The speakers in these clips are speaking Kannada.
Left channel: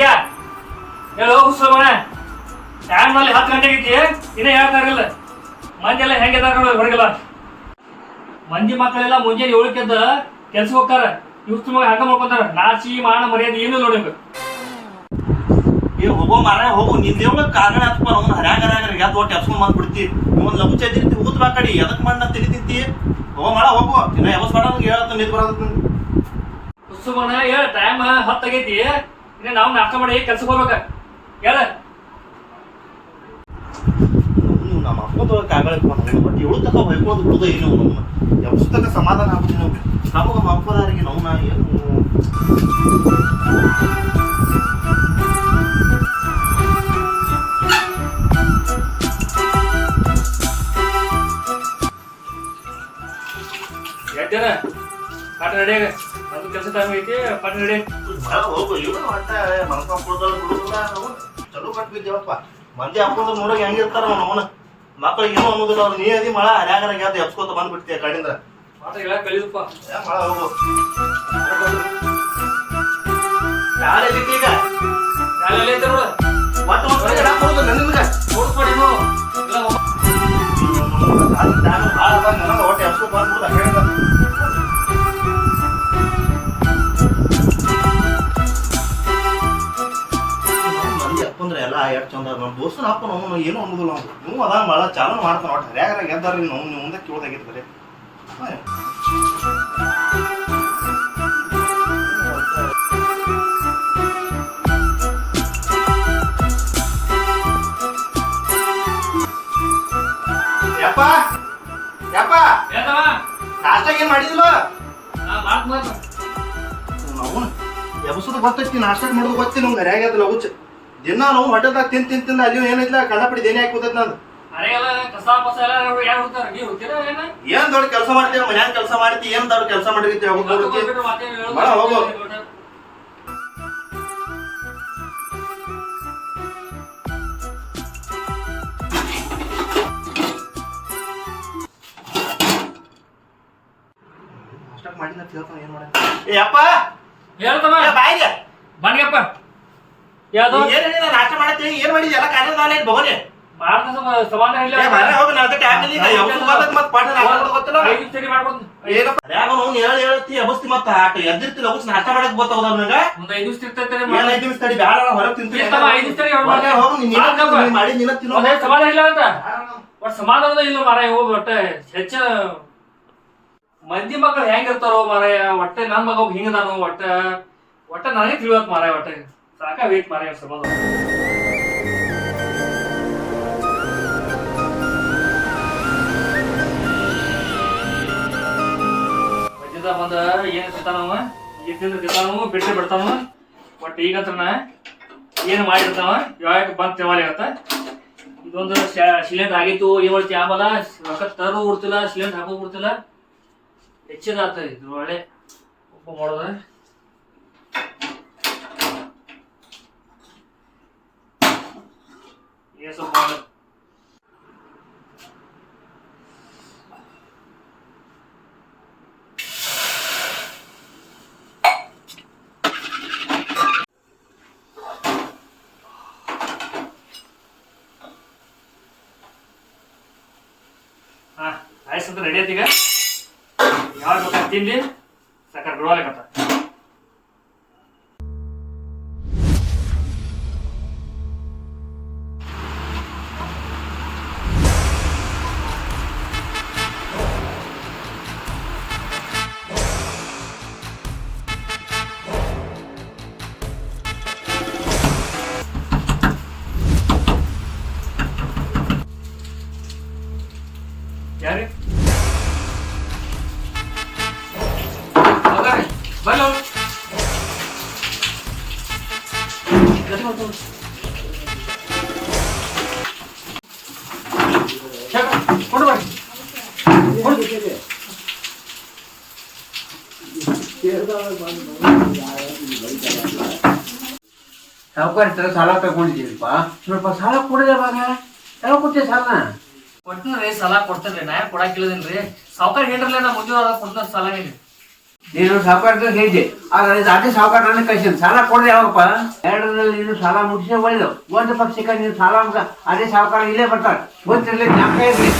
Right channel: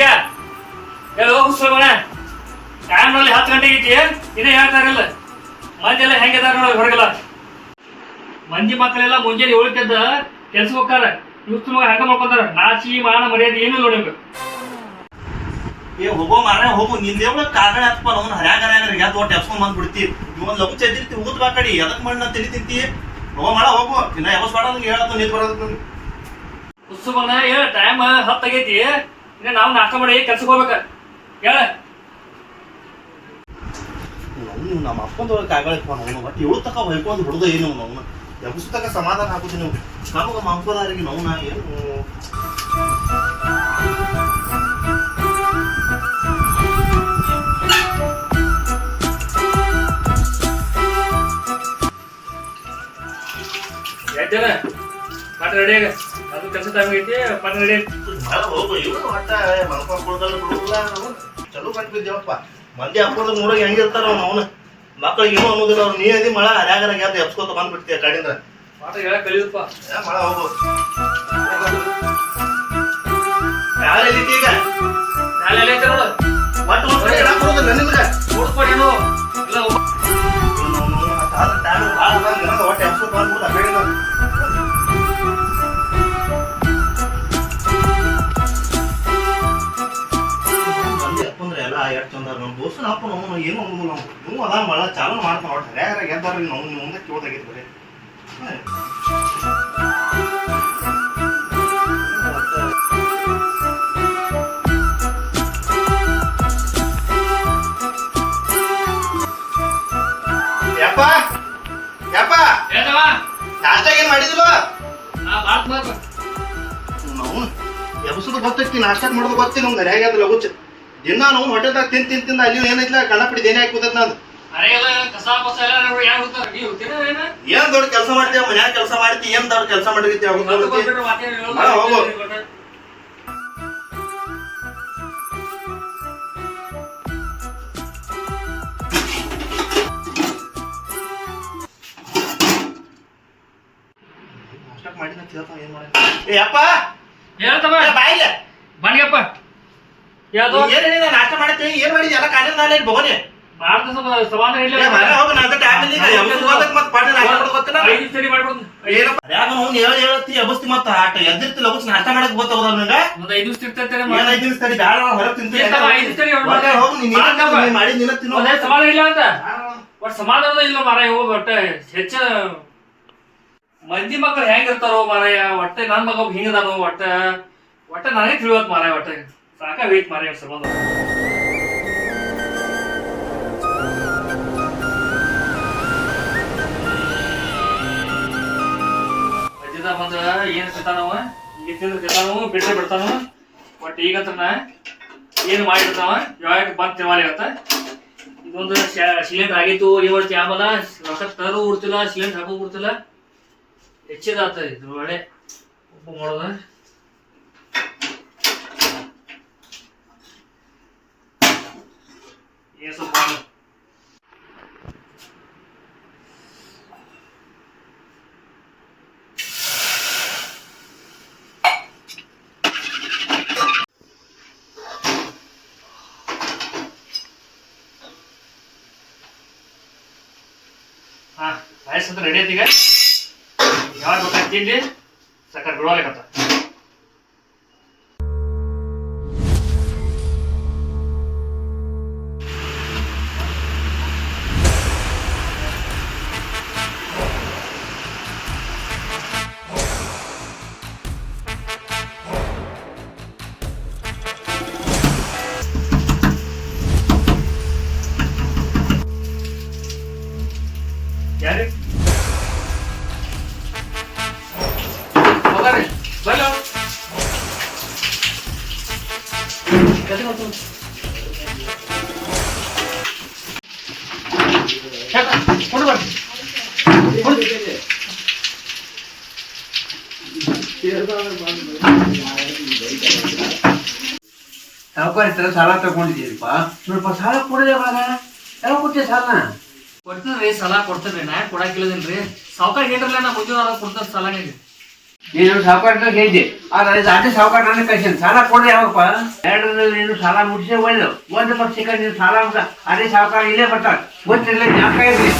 ಜಾ ಹೇಳು ಹೋಗು ಸುಮಣ ಟೈಮ್ನಲ್ಲಿ ಹತ್ತು ಗಂಟೆಗೆ ಐತಿ ಇದೇ ಹೇಳ್ತಾರಿಲ್ಲ ಮಂದಿ ಎಲ್ಲ ಹೆಂಗಿದಾರ ನೋಡಿ ಹೊರಗಲ್ಲ ಮಂದಿ ಮಕ್ಕಳೆಲ್ಲ ಮುಂಜಾನೆ ಏಳಕ್ಕೆದ್ದ ಕೆಲ್ಸ ಹೋಗ್ತಾರ. ಇವ್ರು ಮಗ ಹಂಗ ಮಾಡ್ಕೊತಾರ. ನಾಚಿ ಮಾನ ಮರ್ಯಾದೆ ಏನು ನೋಡಬೇಕು ಏ ಹೋಗೋ ಮಾರ ಹೋಗು. ನಿಂದ ದೇವ್ಳ ಕಾಗಡ ಹತ್ಪ ಅವ್ನ ಹರ್ಯಾಗ ಹರ್ಯಾಗ ಯಾಕೆ ಒಟ್ಟು ಎಪ್ಸ್ಕೊಂಡ್ ಬಂದ್ ಬಿಡ್ತಿ? ನೀವೊಂದು ಒಂದು ಲಘು ಚದ್ದಿರ್ತಿ ಉಗುತ್ ಬಾ ಕಡಿ ಎದಕ್ ಮಣ್ಣ ತಿಳಿ ತಿಂತಿ? ಹೋಗೋ ಮಾಡ ಹೋಗು. ಇನ್ನ ಯಾವ ಸ್ವಾಡ ಹೇಳತ್ತ ನೀತ್ ಬರೋದ್. ಸುಮ್ಮನ ಹೇಳ ಟೈಮ್ ಹತ್ತು ಆಗೈತಿ. ಇನ್ನ ನಾವು ನಾಟಕ ಮಾಡಿ ಕೆಲ್ಸಕ್ಕೆ ಹೋಗ್ಬೇಕ. ಹೇಳ. ನೀವು ನಮ್ಮ ಅಪ್ಪದೊಳಗೆ ಕಾಗಳಕ್ಕೆ ನಾವು ಬಟ್ ಏಳು ತಕ ಹೊಯ್ಕೋದು ಬಿಡುದ ಏನು ನಾವು ಎಪ್ಸ್ ಸಮಾಧಾನ ಆಗುದು ನೀವು ನಮಗೆ ನಮ್ಮ ಅಪ್ಪದಾರಿಗೆ ನೋವು ನಾ ಏನು ಪಾಠ ರೆಡಿ ಹೋಗು. ಇವನು ಒಟ್ಟ ಮಲ್ಕೊಂಡ್ ಕುಡ್ದವ್ರು ಬಿಡುದಿಲ್ಲ. ನಾವು ಚಲೋ ಬಿದ್ದೇವಪ್ಪ ಮಂದಿ ಅಪ್ಪದ ನೋಡೋಕೆ ಹೆಂಗಿರ್ತಾರ ಅವ್ನು ಅವನ. ಮಕ್ಕಳಿಗೆ ಏನೋ ಅನ್ನೋದಿಲ್ಲ ಅವ್ರು. ನೀ ಅದಿ ಮಳ ಹರ್ಯಾಗರ ಯಾವ್ದು ಎಪ್ಸ್ಕೊತ ಬಂದ್ಬಿಡ್ತೀಯ ಕಡಿಂದ ಪಾಠ ಹೇಳಕ್ ಮಳ ಹೋಗು. ನಾಳೆ ಈಗ? ಶಾಲೆಯಲ್ಲಿ ಐತೆ ನೋಡು. ಒಟ್ಟು ಮಕ್ಕಳು ಹೇಳಕ್ ಇಲ್ಲ ಕಡೆಯಿಂದ ಎಷ್ಟು ಚಂದ ನಮ್ಮ ದೋಸ್ತನ ಅಪ್ಪ ನಾವು ಏನು ಅನ್ನೋದಿಲ್ಲ ಅಂತ ನೀವು ಅದ ಭಾಳ ಚಾಲೂ ಮಾಡ್ತಾನ ಒಟ್ಟು. ಯಾರ ಗೆದ್ದಾರ ನಾವು. ಮುಂದೆ ಕೇಳ್ದಾಗಿತ್ತು ಬರೀ. ಯಪ್ಪ ಯಪ್ಪ. ನಾಷ್ಟಾಗ ನಾಷ್ಟ ಏನ್ ಮಾಡಿದಿಲ್ಲ. ನಾವು ಎಬಸುದು ಗೊತ್ತೈತಿ ನಾಷ್ಟಾಗ ಮಾಡೋದು ಗೊತ್ತಿ ನಮ್ಗೆ ಹರ್ಯಾಗ್ಯದ ಲಗುಚ್ ದಿನ ನಾವು ಹೊಟ್ಟೆದಾಗ ತಿನ್ ತಿನ್ ತಿಂದ ಅಲ್ಲಿ ಏನೈತಿಲ್ಲ ಕಣ್ಣಪಡಿ ದೇನೆ ಹಾಕಿ ಕೂತೈತ್ ನಾನು ಏನ? ದೊಡ್ಡ ಕೆಲಸ ಮಾಡ್ತೀವಿ ಮನ್ಯಾಗ ಕೆಲಸ ಮಾಡ್ತಿ ಏನ್ ದೊಡ್ಡ ಕೆಲಸ ಮಾಡಿರ್ತೀವಿ. ಮಾಡ, ಹೋಗು. ಮಾಡಿನ ತಿಳ್ತಾವ ಏನ್ ಮಾಡ ಏ ಅಪ್ಪ! ಹೇಳ್ತಮ್ಮ. ಬಾಯಿಗೆ. ಬನ್ನಿಯಪ್ಪ ಯಾವ್ದು? ನಾಷ್ಟ ಮಾಡತ್ತಿ ಏನ್ ಎಲ್ಲ ಭವನೆ ಭಾರತ ಸಮಾಧಾನ ಇಲ್ಲ. ನಾ ಮತ್ತ್ ಪಾಠ ಗೊತ್ತಿಲ್ಲ ಐದು ಸರಿ ಮಾಡ್ಕೊಡ್ತೀನಿ. ಏನಪ್ಪ ಅದ್ಯಾಗ ಅವ್ನು ಹೇಳಿ ಹೇಳತ್ತಿ ಎಬಸ್ತಿ ಮತ್ತ. ಆಟ ಎದ್ದಿರ್ತಿ ಲಗುಸ್ ನಾಷ್ಟ ಮಾಡಕ್ ಗೊತ್ತಾವದ ನಂಗ ಒಂದ್ ಐದು ದಿವ್ಸ ಇರ್ತೈತೆ ಏನ್ ಐದು ದಿವ್ಸ ತಡಿ ಬ್ಯಾಡ ಹೊರಗ್ ತಿಂತೀನಿ. ಮಾಡಿ. ನೀನ ತಿನ್ನು. ಒಂದೇ ಸಮಾಧಾನ ಇಲ್ಲ ಅಂತ? ಒಟ್ ಸಮಾಧಾನದ ಇಲ್ಲ ಮಾರಾಯ ಹೋಗಿ ಒಟ್ಟ ಹೆಚ್ಚ ಮಂದಿ ಮಕ್ಕಳು ಹೆಂಗಿರ್ತಾರೋ ಮಾರಾಯ ಒಟ್ಟ ನನ್ ಮಗ ಹಿಂಗದಾನು ಒಟ್ಟ ಒಟ್ಟ ನನಗೆ ತಿಳಿಯೋಕ್ ಮಾರಾಯ ಒಟ್ಟ. ಸಾಕಾಗೈತ್ ಸಂಬಂಧ ಮಧ್ಯದ ಬಂದ ಏನ್ ತಿಂತಾನವ ಈಗ ತಿಂದ್ರೆ ಬಿಟ್ಟರೆ ಬಿಟ್ರೆ ಬಟ್ ಈಗ ಈಗಂತ್ರನ ಏನು ಮಾಡಿರ್ತಾವ ಯಾವಾಗ ಬಂದ್ ತಿವಾರಿ ಅಂತ. ಇದೊಂದು ಸಿಲಿಂಡರ್ ಆಗಿತ್ತು ಏಳು ಚಾಂಬಲ ರೊಕ್ಕ ತರು ಬಿಡ್ತಿಲ್ಲ ಸಿಲಿಂಡರ್ ಹಾಕೋ ಬಿಡ್ತಿಲ್ಲ ಹೆಚ್ಚಿದಾಗ್ತದೆ ಇದ್ರ ಒಳ್ಳೆ ಉಪ್ಪು ಮಾಡೋದು. ಏಸು ಮಾಡು ಹಾ ರೈಸ್ ಅಂತ ರೆಡಿ ಐತಿ ಈಗ ಯಾವಾಗ ಬೇಕಾದ್ರೆ ತಿನ್ಲಿ ಸಕ್ಕರೆ ಬಿಡುವಲ್ಲೇಕತ್ತ ಯಾರು ಕೊಂಡು ಹತ್ರ ಸಾಲ ತಗೊಂಡಿದ್ದೀರಪ್ಪ ಸ್ವಲ್ಪ ಸಾಲ ಕೊಡದೆ ಬಾಗ ಯಾವ ಕೊಟ್ಟೆ ಸಾಲ ಕೊಡ್ತೀನಿ ರೀ ಸಾಲ ಕೊಡ್ತೇನೆ ರೀ ನಾ ಯಾಕೆ ಕೊಡಾಕಿಲ್ಲದೇನ್ರಿ. ಸಾವುಕಾರ ಏನ್ರಲ್ಲ ನಾ ಮುಂಜಾನೆ ಕೊಡ್ತಾರೆ ಸಾಲ ಸಾಲ ನೀನು ಸಾವುಕಾರ ಹೇಳಿದ್ದೆ ಆದ್ರೆ ಅದೇ ಸಾವುಕಾರ ನನಗೆ ಕಳ್ಸಿದ್ ಸಾಲ ಕೊಡ್ರಿ ಯಾವಪ್ಪ? ಎರಡರಲ್ಲಿ ನೀನು ಸಾಲ ಮುಗಿಸೇ ಒಳ್ಳೆದು. ಒಂದು ಪಕ್ಷಕ್ಕೆ ನೀನು ಸಾಲ ಮುಗ ಅದೇ ಸಾವುಕಾರ ಇಲ್ಲೇ ಬರ್ತಾರೆ ಗೊತ್ತಿಲ್ಲ ಜ್ಞಾಪಕ ಇರಲಿ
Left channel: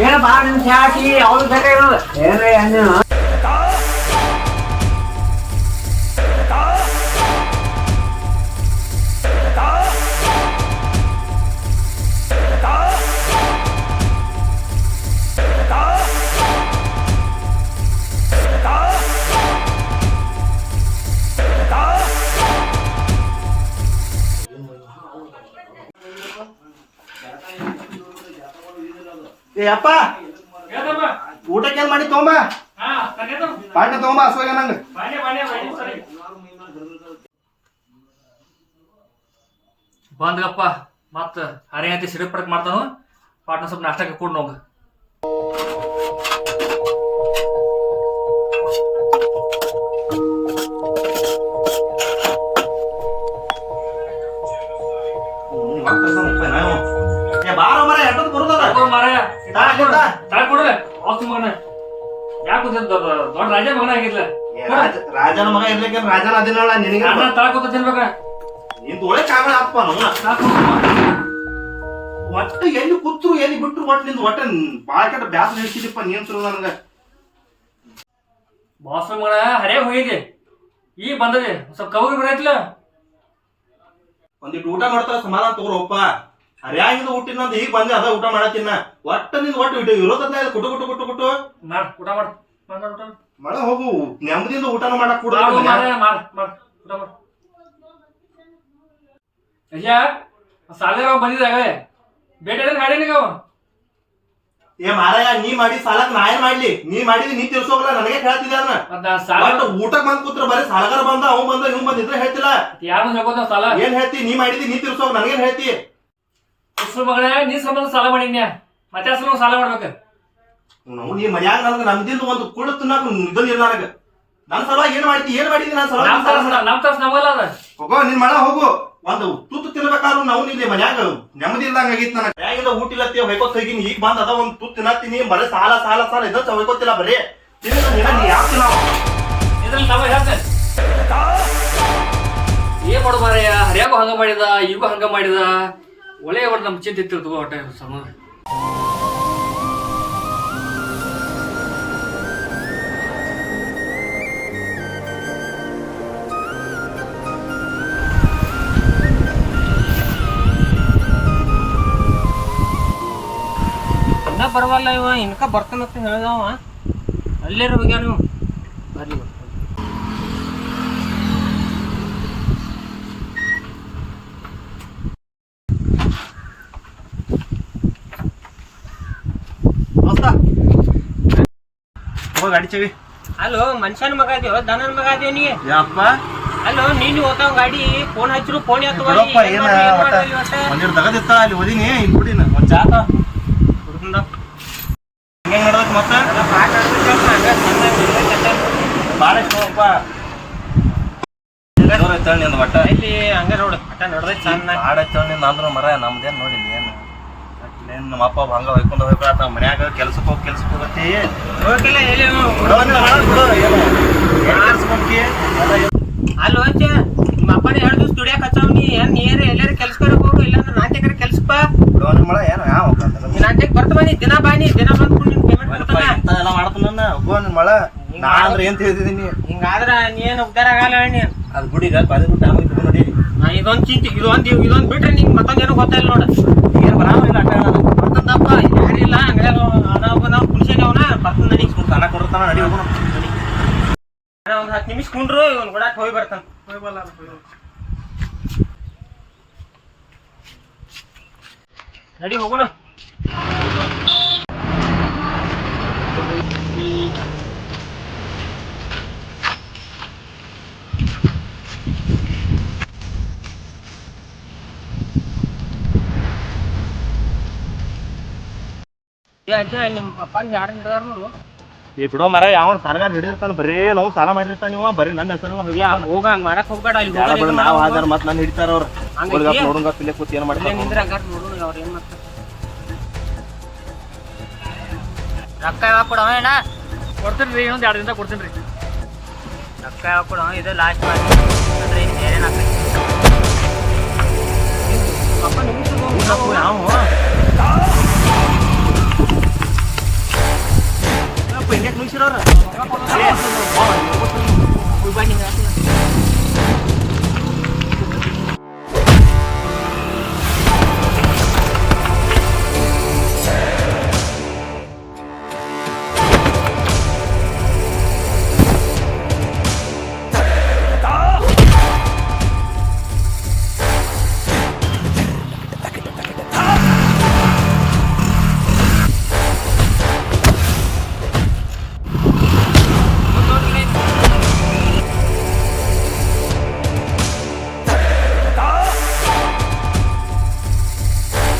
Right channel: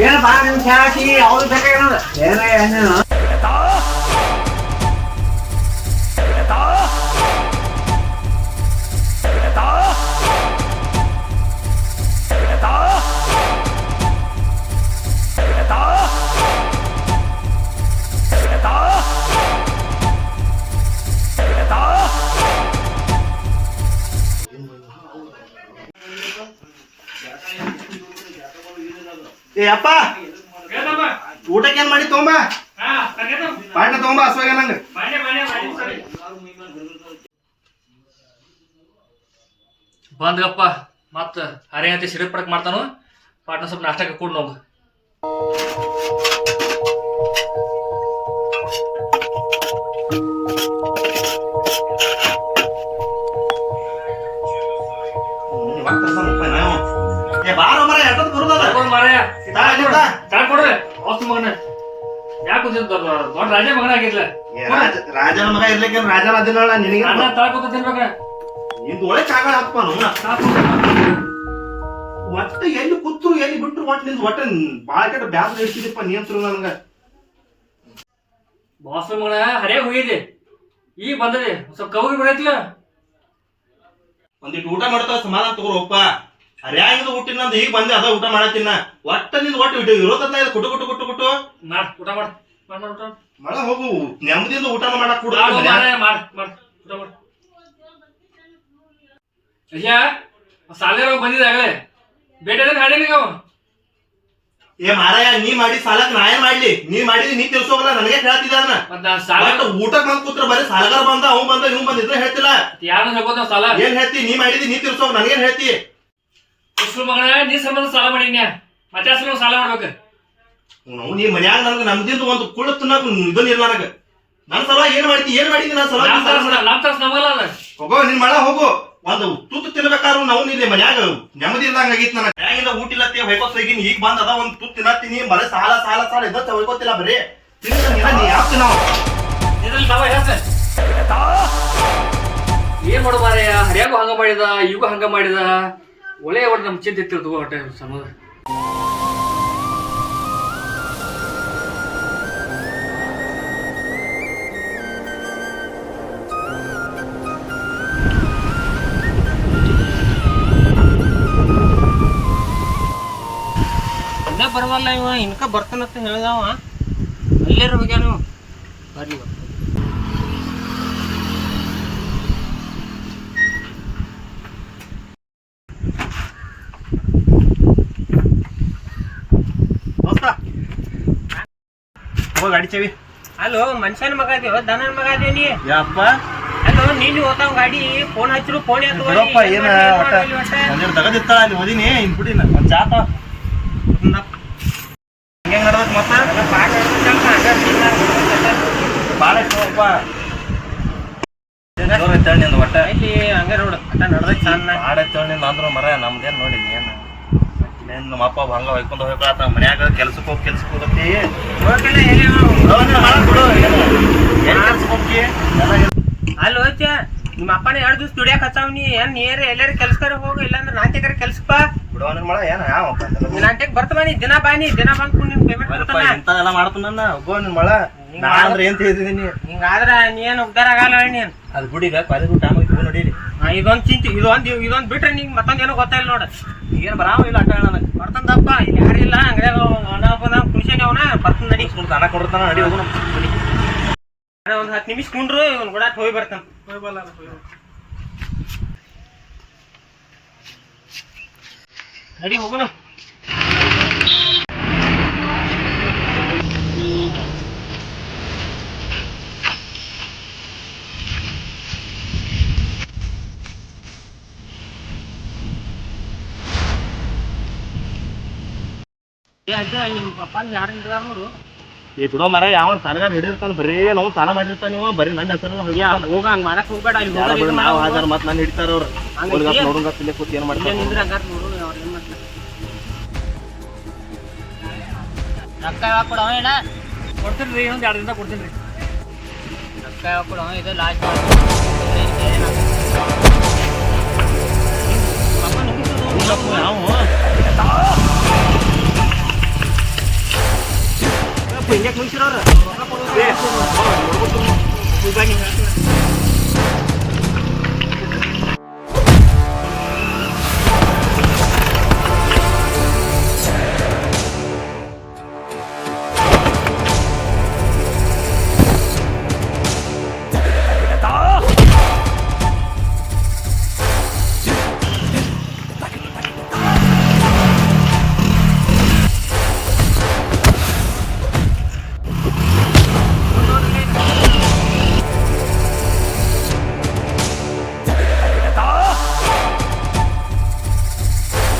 ಏನ ಬಾ ನಿಮ್ ಚಾ ಹಾಕಿ ಯಾವ್ದು ಬೇಕಾಗಿರೋದು. ಏನೇ ಅಪ್ಪ. ಊಟಕ್ಕೆ ಏನ್ ಮಾಡಿ ತಗೊಂಬ ಹಾ, ತಗೊಂಬ ಹೋಗು. ಪಾಠ ತೊಗೊಂಬ ಹಸುವಾಗ ನಂಗೆ. ಬಂದ್ಗಪ್ಪ ಮತ್ತ ಹರಿಯಂತೆ ಸಿಡಿ ಪಡಕ್ ಮಾಡ್ತಾನು ಪಾಟ್ನ ಸ್ವಲ್ಪ ನಾಷ್ಟಕ್ಕೆ ಕೂಡ ನೋಗ ಏ ಬಾರ ಮರ ಎಷ್ಟೊತ್ತು ಬರುದದ? ಮಾರಾಯ ತಾ, ಇಲ್ಲಿ ತಾ. ಮಗನ. ಯಾಕೆ ಕೂತಿದ್ ದೊಡ್ಡ ದೊಡ್ಡ ರಾಜ ಮಗನ ಆಗಿರ್ಲ ಏ, ರಾಜ- ರಾಜನ ಮಗ ಇರ್ಲಿಕ್ಕೆ ರಾಜನ ಅದಿಲ್ಲ ನಿನಗೆ ಅಣ್ಣ ತಿನ್ಬೇಕ ನಿಂದು ಒಳ್ಳೆ ಕಾರಣ ಆತ್ಮ ನಮ್ಮ ಒಟ್ಟು ಎಲ್ಲಿ ಕೂತ್ರು ಎಲ್ಲಿ ಬಿಟ್ರು ಒಟ್ಟು ನಿಂದು ಒಟ್ಟು ಬಾಳ ಕೆಟ್ಟ ಬ್ಯಾಸ ಹಿಡ್ಸಿದಪ್ಪ ನಿಯಂತ್ರ ನನಗ. ಬಾಸ್ ಮಗನ ಹರೇ ಹೋಗಿದೆ ಈ ಬಂದದೆ. ಸ್ವಲ್ಪ ಕೌರಿ ಬರೈತಿಲ್ಲ. ಒಂದಿಟ್ಟು ಊಟ ಮಾಡ್ತಾವ ಸಮಾಧಾನ ತಗೋರಪ್ಪ ಹರ್ಯಾಂಗಿಂದ ಅಂತ ಈಗ ಬಂದೆ ಅದ ಊಟ ಮಾಡತ್ತಿನ. ಒಟ್ಟ ನಿಂದ ಒಟ್ಟು ಇಟ್ಟು ಇರೋದನ್ನ ಇದು ಕುಟು ಕುಟು ಕುಟು ಕುಟು? ಮಾಡ್ ಊಟ ಮಾಡ್ ಮಾಡ್ ಮಾಡ್ ಊಟ. ಮಳ ಹೋಗು. ನೆಮ್ಮದಿಯಿಂದ ಊಟ ಮಾಡಕ್ ಕೂಡ ಮಾಡು ಮಾಡ್ ಮಾಡ್ ಊಟ ಮಾಡ್. ಅಯ್ಯ ಸಾಲ್ಗಾರ ಬಂದಿದ್ದ ಆಗಲೇ. ಬೇಟೆ ಹಾಡಿನ ಅವ? ಏ ಮಾರಾಯ ನೀ ಮಾಡಿ ಸಾಲಕ್ ನಾ ಏನ್ ಮಾಡ್ಲಿ? ನೀ ಮಾಡಿದಿ ನೀ ತಿಳ್ಸೋಗಲ್ಲ ನನಗೆ ಹೇಳ್ತಿದ್ದ ಅದನ್ನ. ಊಟಕ್ ಬಂದ್ ಕೂತ್ರ ಬರೀ ಸಾಲಗಾರ ಬಂದ ಅವ್ ಬಂದ ಇವ್ ಬಂದ ಇದ್ರೆ ಹೇಳ್ತಿಲ್ಲ. ಯಾರು ಹೇಳ್ಕೊತ ಸಾಲ? ಏನ್ ಹೇಳ್ತಿ? ನೀ ಮಾಡಿದಿ ನೀ ತಿಳ್ಸೋಗ ನನಗೇನ್ ಹೇಳ್ತಿ? ಉಸ್ರು ಮಗನ ನೀ ಸಂಬಂಧ ಸಾಲ ಮಾಡಿನ್ಯ ಮತ್ತೆ ಅಸಲು ಸಾಲ ಮಾಡ್ಬೇಕು? ನಾವು ನೀ ಮನ್ಯಾಗ ನನಗ ನಮ್ದಿಂದ ಒಂದು ಕುಳ್ಳು ತಿನ್ನಕ್ ಇದನ್ನ ಇಲ್ಲ ನನ್ನ ನನ್ ಸಲುವಾಗಿ ಏನ್ ಮಾಡ್ತಿ ಏನ್ ಮಾಡಿದಿ ನನ್ ಸಲುವಾಗಿ? ನಮ್ ಸಾಲ ನಮ್ ತಾಸ್ ಅದ. ಹೋಗೋ ನಿನ್ ಮಳ ಹೋಗು. ಒಂದು ತುತ್ತು ತಿನ್ಬೇಕಾದ್ರು ನಾವು ಇಲ್ಲಿ ಮನ್ಯಾಗ ನೆಮ್ಮದಿ ಇಲ್ದಂಗ ಆಗಿತ್ತು ನನಗೆ. ಮನ್ಯಾಗಿಂದ ಊಟ ಇಲ್ಲತ್ತಿ ಹೊಯ್ಕೋತ್ ಹೋಗಿನಿ ಈಗ ಬಂದ ಅದ ಒಂದು ತುತ್ತು ತಿನ್ನತ್ತೀನಿ. ಬರೀ ಸಾಲ ಸಾಲ ಸಾಲ ಇದ್ದ ಹೊಯ್ಕೋತಿಲ್ಲ ಬರೀ. ತಿನ್ನ ನೀನ ನೀ ಯಾವ ತಿನ್ನಾವ? ಇದ್ರಲ್ಲಿ ತವ ಹೇಳ್ತೆ ಏನ್ ಮಾಡು ಮಾರಾಯ? ಹರಿಯಾಗೂ ಹಂಗ ಮಾಡಿದ ಈಗೂ ಹಂಗ ಮಾಡಿದ? ಒಳ್ಳೆ ಒಟ್ಟು ನಮ್ ಚಿಂತೆ ಒಟ್ಟ ಸಂಬಂಧ ಇನ್ನ ಬರವಲ್ಲ ಇವ, ಇನ್ಕ ಬರ್ತಾನಂತ ಹೇಳ್ದವ. ಅಲ್ಲಿರೋ ಹೋಗ್ಯಾರ ನೀವು ಹೋಗ ಗಾಡಿ ಚವಿ ಅಲ್ಲೋ ಮನುಷ್ಯನ ಮಗ ಅದೇವ ದನನ ಮಗ ಅದೇವ ನೀ? ಯಪ್ಪ? ಅಲ್ಲೋ ನೀನು ಓತಾವ ಗಾಡಿ ಫೋನ್ ಹಚ್ಚರು ಫೋನ್ ಬಿಡಪ್ಪ ಏನ ಒಟ್ಟ ತಗದಿತ್ತ ಅಲ್ಲಿ ಓದಿನಿ ಹಿಂಗ್ ಬಿಡಿನ ಒಂದ್ ಚಾತ. ಹೆಂಗ್. ನಡ್ದಕ್ ಮತ್ತ? ಬಾಳ ಇಷ್ಟಪ್ಪ ಜೋರ್ ಐತಳ್ನಿಂದ ಒಟ್ಟ. ಇಲ್ಲಿ ಹಂಗ ನೋಡು ಅಟ್ಟ ನಡ್ದೈತಿ ಸಣ್ಣ. ನಿಂದ ಅಂದ್ರ ಮರ ನಮ್ದೇನ್ ನೋಡಿ ಏನ್? ಏನ್ ನಮ್ಮ ಅಪ್ಪ ಹಂಗ ಹೊಯ್ಕೊಂಡ್ ಹೋಗ್ಕೊಳತ್ತ ಮನ್ಯಾಗ ಕೆಲ್ಸಕ್ಕೆ ಹೋಗಿ ಕೆಲ್ಸಕ್ಕೆ ಹೋಗತ್ತಿ. ಹೋಗಿಲ್ಲ ಎಲ್ಲಿ ಬಿಡೋ ನೀನ್ ಮಾಡಕ್ ಬಿಡು ಏನ್ ಏನ್ ಕೆಲ್ಸಕ್ಕೆ ಹೋಗ್ತಿ? ಎಲ್ಲ ಏನ್- ಅಲ್ಲೋ ಅಜ್ಜ ನಿಮ್ಮ ಅಪ್ಪನೇ ಎರಡು ದಿವಸ ದುಡಿಯಾಕ ಹಚ್ಚಾವ ನೀ. ಏನ್ ನೀರ್ ಎಲ್ಲಾರ ಕೆಲ್ಸಕ್ಕೆ ಹೋಗು ಇಲ್ಲಾಂದ್ರೆ ನಾಟ್ಯಕರ ಕೆಲ್ಸಕ್ಕೆ ಬಾ. ಬಿಡೋ ನಿನ್ ಏನ ಯಾವ ಬಾ ನೀ ದಿನ ಬಾ ನೀ ದಿನ ಬಂದು ನಿನ್ ಪೇಮೆಂಟ್ ಮರಪ್ಪ ಇಂಥದೆಲ್ಲ ಮಾಡ್ತಾನ ಒಬ್ಬ ನಿನ್ ಮಳ ನಾ ಅಂದ್ರೆ ಏನು ತಿಳಿದಿದ್ದೀನಿ? ಹಿಂಗಾದ್ರೆ ನೀ ಏನ್ ಉದ್ದಾರ ಆಗಲ್ಲ ನೀ ಅದ್ ಬಿಡಿಗ ಕಾಲೇಜ್ ತಗೊಂಡ್ ನೋಡಿ ಇದೊಂದ್ ಚಿಂತೆ, ಇದೊಂದು ಇದೊಂದ್ ಬಿಟ್ರೆ ನಿಂಗೆ ಮತ್ತೇನೋ ಗೊತ್ತಾಯಿಲ್ಲ ನೋಡು. ಏನು ಬರಾವ ಇಲ್ಲ ಅಟ್ಟ ಬರ್ತಂದಪ್ಪ ಇದು ಹೇಳಿಲ್ಲ ಅಂಗಡಿಯಾಗ ಅದ ಒಬ್ಬನ ಕುಣಿಸಾಗವನ ಬರ್ತಂದ ನಡಿ. ಸುಮ್ ತಾನ ಕೊಡ್ತಾನ, ನಡಿ ಹೋಗೋಣ. ಒಂದು ಹತ್ತು ನಿಮಿಷ ಕುಂಡ್ರು, ಇವ್ನು ಗುಡಾಕ್ ಹೋಗಿ ಬರ್ತಾನ. ನಡಿ ಹೋಗೋಣ ಏ ಅಜ್ಜ, ನಿಮ್ಮ ಪಪ್ಪ ಯಾರು ನಿಂತಾರ ನೋಡು ಈ ಬಿಡೋ ಮರ ಯಾವ ಸಾಲಗಾರ ಹಿಡಿದಿರ್ತಾನ ಬರೀ ನಾವು ಸಾಲ ಮಾಡಿರ್ತಾನ ನೀವು ಬರೀ ನನ್ನ ಹೆಸರು ಹೋಗ ಹಂಗ ಮಾಡಕ್ ಹೋಗ್ಬೇಡ ಇಲ್ಲಿ ಬಿಡು ನಾವು ಮಾಡೋದು. ಮತ್ತೆ ನನ್ನ ನಾನು ಹಿಡಿತಾರ ಅವ್ರು. ಹಂಗೈತಿ? ನೋಡಂಗ ತಿಲೆ ಕೂತ್ ಏನು ಇಲ್ಲೇ ಮಾಡ್ತಾರೆ ನಿಂದ್ರ ಹಂಗಾರ ನೋಡು ಅವ್ರು ಏನು ಮಾಡ್ತಾರೆ. ರೊಕ್ಕ ಯಾವಾಗ ಕೊಡವ ಏನ? ಕೊಡ್ತೀನಿ ರೀ ಇನ್ನೊಂದು ಎರಡು ದಿನ ಕೊಡ್ತೀನಿ ರೀ ರೊಕ್ಕ ಯಾವಾಗ ಕೊಡವ ಇದು ಲಾಸ್ಟ್ ಮಾಡಿ 知道了。谢谢。哦，我走，我走，我走，我走。